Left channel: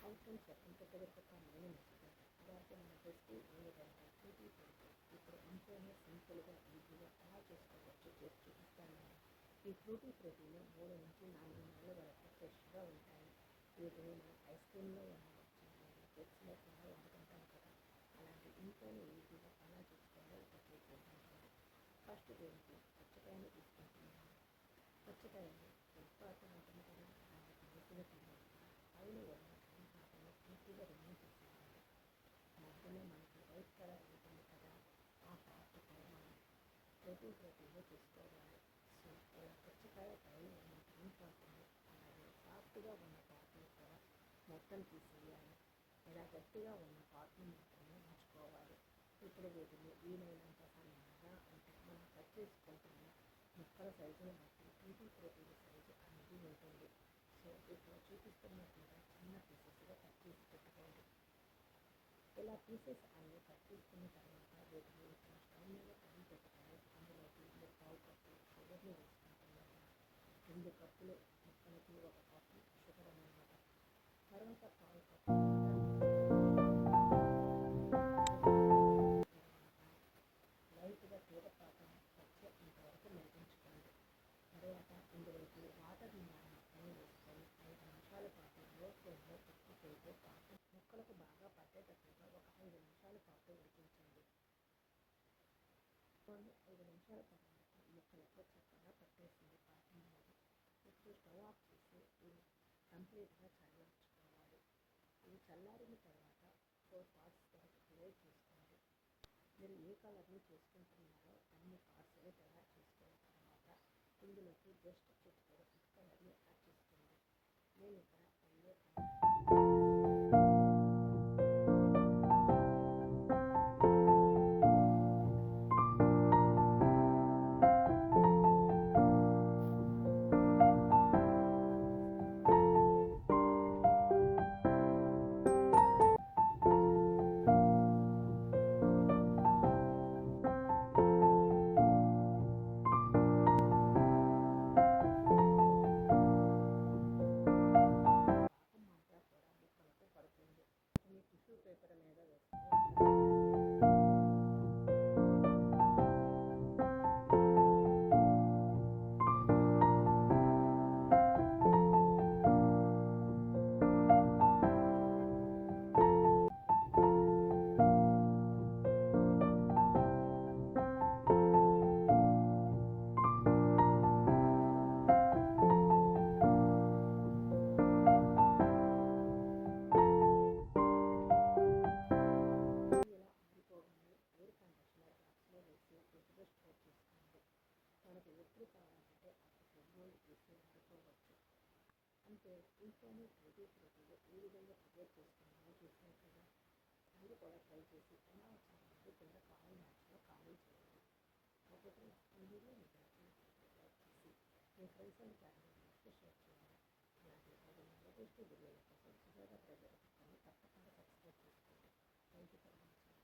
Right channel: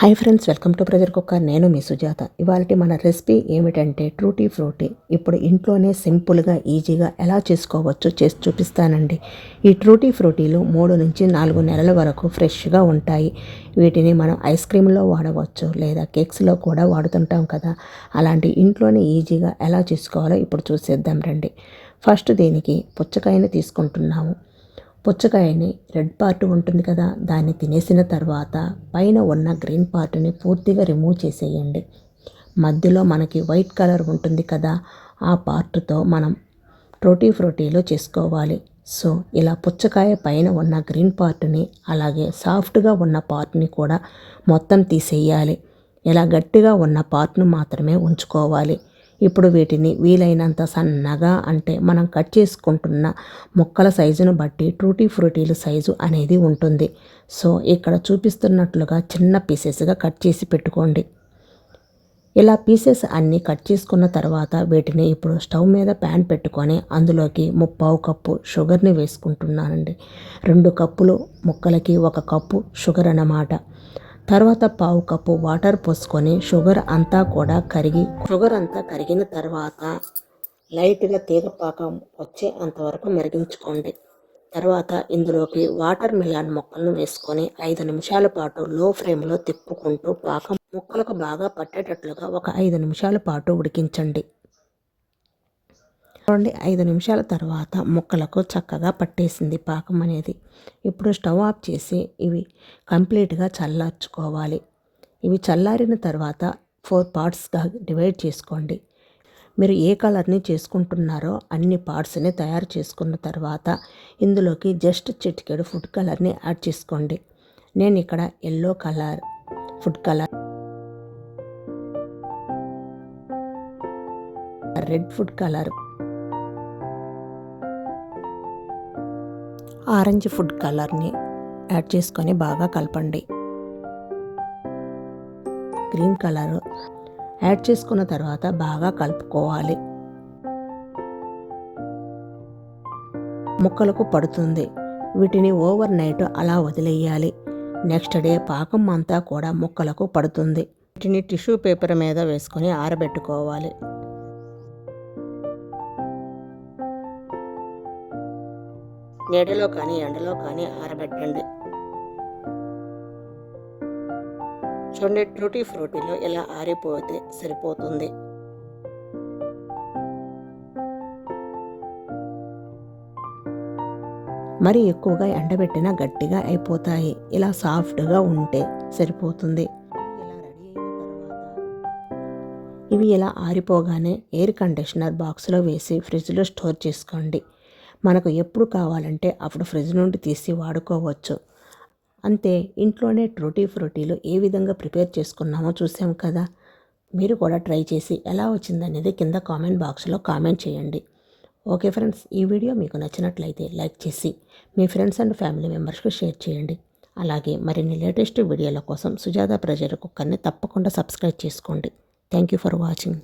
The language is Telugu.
Hi friends welcome to pressure cooker నేను మీ సుజాత. ఇవాళ మన రెసిపీ ఏమిటంటే ట్రూటీ ఫ్రూటీ. ఇప్పుడు ఇంట్లోనే సింపుల్గా ఈజీగా ఎలా చేసుకోవచ్చో చేసి చూపిస్తానండి. ఈ ట్రూటీ ఫ్రూటీలు మూడు నుంచి నాలుగు నెలల వరకు ఫ్రెష్గా ఉంటాయి. వీటిని మనం ఐస్ క్రీమ్లో వాడవచ్చు లేదా కేక్స్లో కూడా వాడుతుంటాం కదా. అలాంటి ఇంట్లోనే ఈజీగా ఎలా చేసుకోవాలో ఇప్పుడు చూసేద్దాం రండి. ఫస్ట్ దీనికి పుచ్చకాయని తీసుకుంటున్నాము. పుచ్చకాయని రెడ్ పార్ట్ ఉంటుంది కదా దాన్ని తినేసిన తర్వాత పైన ఉన్న గ్రీన్ పార్ట్ని పూర్తిగా రిమూవ్ చేసేయండి. మధ్యలో మనకి వైట్ కలర్ ఉంటుంది కదా ఆ పార్ట్తో మనం ట్రోటీ ఫ్రోటీలో చేసుకోవాలి. సో ఇలా పుచ్చకాయ పైన ఉన్న గ్రీన్ పార్ట్ని అలాగే సాఫ్ట్గా ఉన్న పార్ట్ని కూడా మొత్తం తీసేయాలి. ఇలా గట్టిగా ఉన్న పార్ట్ను మాత్రమే ఉంచుకోవాలి. ఇప్పుడు వీటిని వీలైనంత సన్నగా అంటే మనం కట్ చేసుకుంటున్న ముక్కల సైజును బట్టి ట్రూటీ ఫ్రూటీలు సైజు అనేది ఉంటుంది. సో ఇక్కడ చూపిస్తున్నట్లుగా చిన్న పీసెస్గా కట్ చేసి పెట్టుకోండి. ఇలా పీసెస్ అన్నీ కట్ చేసుకున్న తర్వాత వీటిని ఇప్పుడు స్టవ్ మీద ప్యాన్ పెట్టుకొని అందులోకి ముప్పావు కప్పు షుగర్ని వేసుకుంటున్నానండి. రెండు కప్పులు ముక్కలకి ఒక కప్పు షుగర్ అన్నమాట. తర్వాత పావు కప్పు వాటర్ పోసుకొని షుగర్ అంతా కూడా కరిగి షుగర్ అంతా కరిగిన తర్వాత లైట్గా తీగపాకం వచ్చే అంతవరకు మెరిగించుకోండి. తర్వాత ఇందులోకి వాటర్ మిలాన్ ముక్కలను వేసుకొని ఐదు నిమిషాల పాటు లో ఫ్లేమ్లో తిప్పుకుంటూ పాకం ముక్కలకు బాగా పట్టేటట్లుగా ఒక ఐదు నిమిషాల పాటు ఉడికించండి. చూడండి ఐదు నిమిషాల తర్వాత ముక్కలకు చక్కగా పట్టేసింది పాకం అనేది. ఇప్పుడు స్టవ్ ఆఫ్ చేసి ఇవి కంప్లీట్గా చల్లార్చుకోవాలి. ఇవి చల్లారిన తర్వాత ఫోర్ పార్ట్స్గా డివైడ్ చేసుకోండి. మీరు ఏ కలర్ని చేసుకుంటున్నారో అన్ని పార్ట్స్ని తయారు చేసుకున్న తర్వాత ఇందులోకి జస్ట్ చిటికెడు ఫుడ్ కలర్ని యాడ్ చేసుకోండి. నేను ఇక్కడ yellow colour food colour red food colour orange food కలర్ని యాడ్ చేసుకొని బాగా కలపండి. గ్రీన్ కలర్ యాడ్ చేసుకున్న తర్వాత బాగా కలుపుకోవాలి. ముక్కలకు పడుతుంది. వీటిని ఓవర్ నైట్ అలా వదిలేయాలి. నెక్స్ట్ డే పాకం అంతా కూడా ముక్కలకు పడుతుంది. వీటిని టిష్యూ పేపర్ మీద వేసుకొని ఆరబెట్టుకోవాలి. నీడలో కానీ ఎండలో కానీ ఆరబెట్టండి. చూడండి ట్రూటీ ఫ్రూటీలో ఇలా ఆరిపోతే సరిపోతుంది. మరి ఎక్కువగా ఎండబెట్టిన గట్టిగా అయిపోతాయి. ఇలా సాఫ్ట్గా ఉంటే సరిపోతుంది. ఇవి ఇలా ఆరిపోగానే ఎయిర్ కండిషనర్ బాక్స్లో వేసి ఫ్రిడ్జ్లో స్టోర్ చేసుకోండి. మనకు ఎప్పుడు కావాలంటే అప్పుడు ఫ్రిడ్జ్ నుండి తీసి వాడుకోవచ్చు. అంతే ఇంట్లోనే ట్రోటీ ఫ్రూటీలు ఏ విధంగా ప్రిపేర్ చేసుకున్నామో చూసాం కదా. మీరు కూడా ట్రై చేసి ఎలా వచ్చిందనేది కింద కామెంట్ బాక్స్లో కామెంట్ చేయండి. ఓకే ఫ్రెండ్స్ ఈ వీడియో మీకు నచ్చినట్లయితే లైక్ చేసి మీ ఫ్రెండ్స్ అండ్ ఫ్యామిలీ మెంబర్స్కి షేర్ చేయండి. అలాగే మరిన్ని లేటెస్ట్ వీడియోల కోసం సుజాత ప్రజల కుక్కర్ని తప్పకుండా సబ్స్క్రైబ్ చేసుకోండి. Thank you for watching.